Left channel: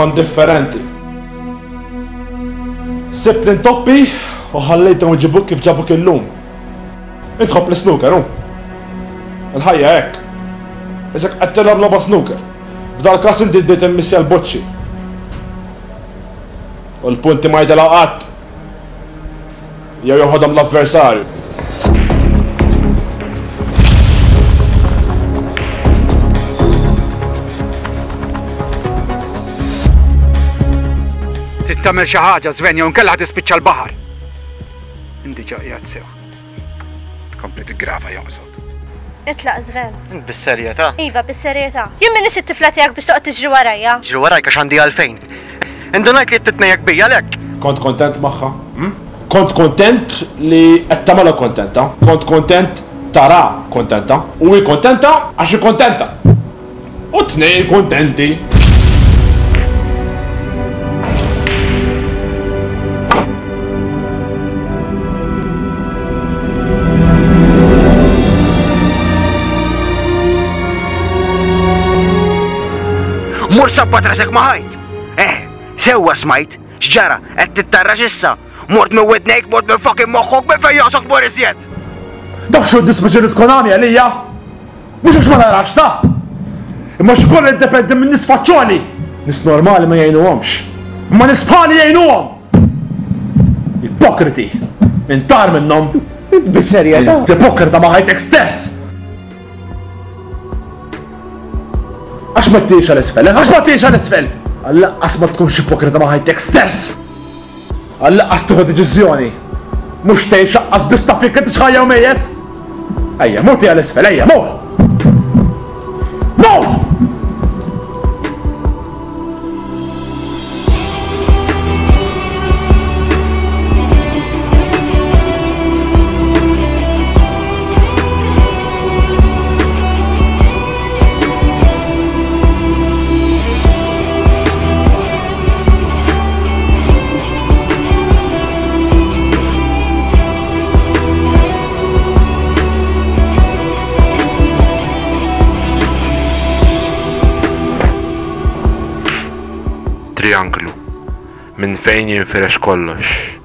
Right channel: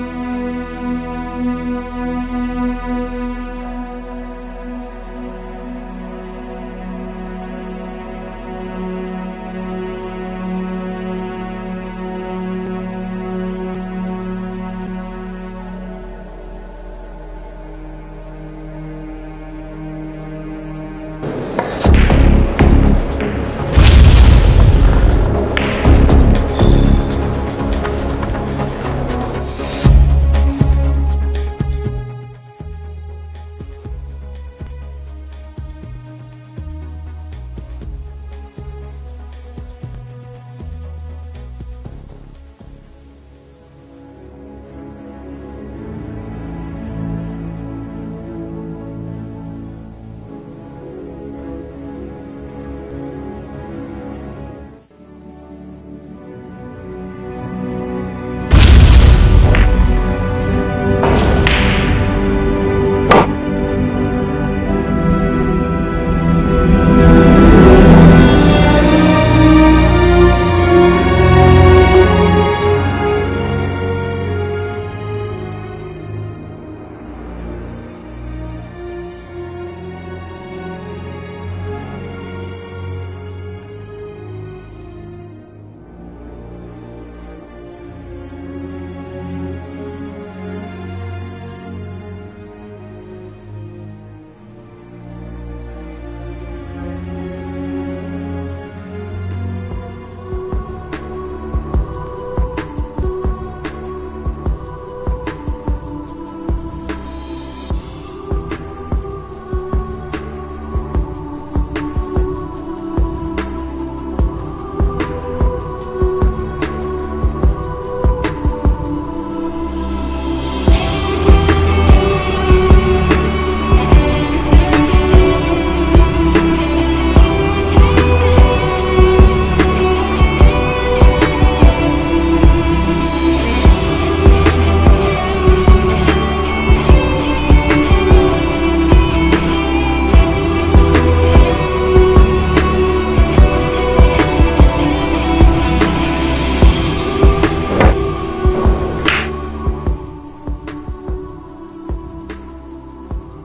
kont differenti. Sibt intoppi u ħallejthom iġibuk kif ġabuk illum. Intħobb l-snooker, hu? Il-ħajja hekk. Isek qed tilgħab logħba snooker. F'dal-każ inti ddiet immissi l-boċċi. U l-punti ma jdelgħu qatt. Jew joħodhom l-avversarju. Tagħmel xi ħaġa Sven jew inkella tispiċċa l-baħar. Indi ġaqjat sew. Tkompli tiggrava joqsod. Itlaq Sven. Bis-serjetà? Iva, bis-serjetà. Jien minix it-tifla tiegħek biex toqgħod tiġri warajja. Ġri warajk għax għandi għalfejn. Indunajt li titnejjek bija lek. Kont kontent magħha? Kont kontent li qed tagħmilha kontenta. Kont kontent tara kontenta. U hi kontenta għax hi kontenta. U tnejn kontenti. Mur sabbat rasek maħajt. Sewwa smajt, xġara, qed tittarrax issa. Mort minn wednejk, mort minn fucking moħħok, minn fejn jaqsok mor iżjed. Dak xu d-dispeċini tkun għami għalija? Mux għax ma narax ta' imma xkoll id-dependi minn nis faċċoli. Nis normali ma jgħinuhomx. Ma nis bħali jgħinuhom. Ipokriti. Intar minnhom. Bis-serjetà? Ipokrita ma ħajtek stess. Għax ma t-tiex għal-isfel, għax ma t-tiex għal-isfel! Għallaqqas ma tkunx ipokrita ma ħajtek stess! Għallaqqas tuħu deċiżjoni! Mux tgħix aqqas biss taf jekk inti xħajja u mejjed! Ejja, mur għal-isfel, ejja, mur! Mur! Trianglu, minn fejn jinfirex kollox.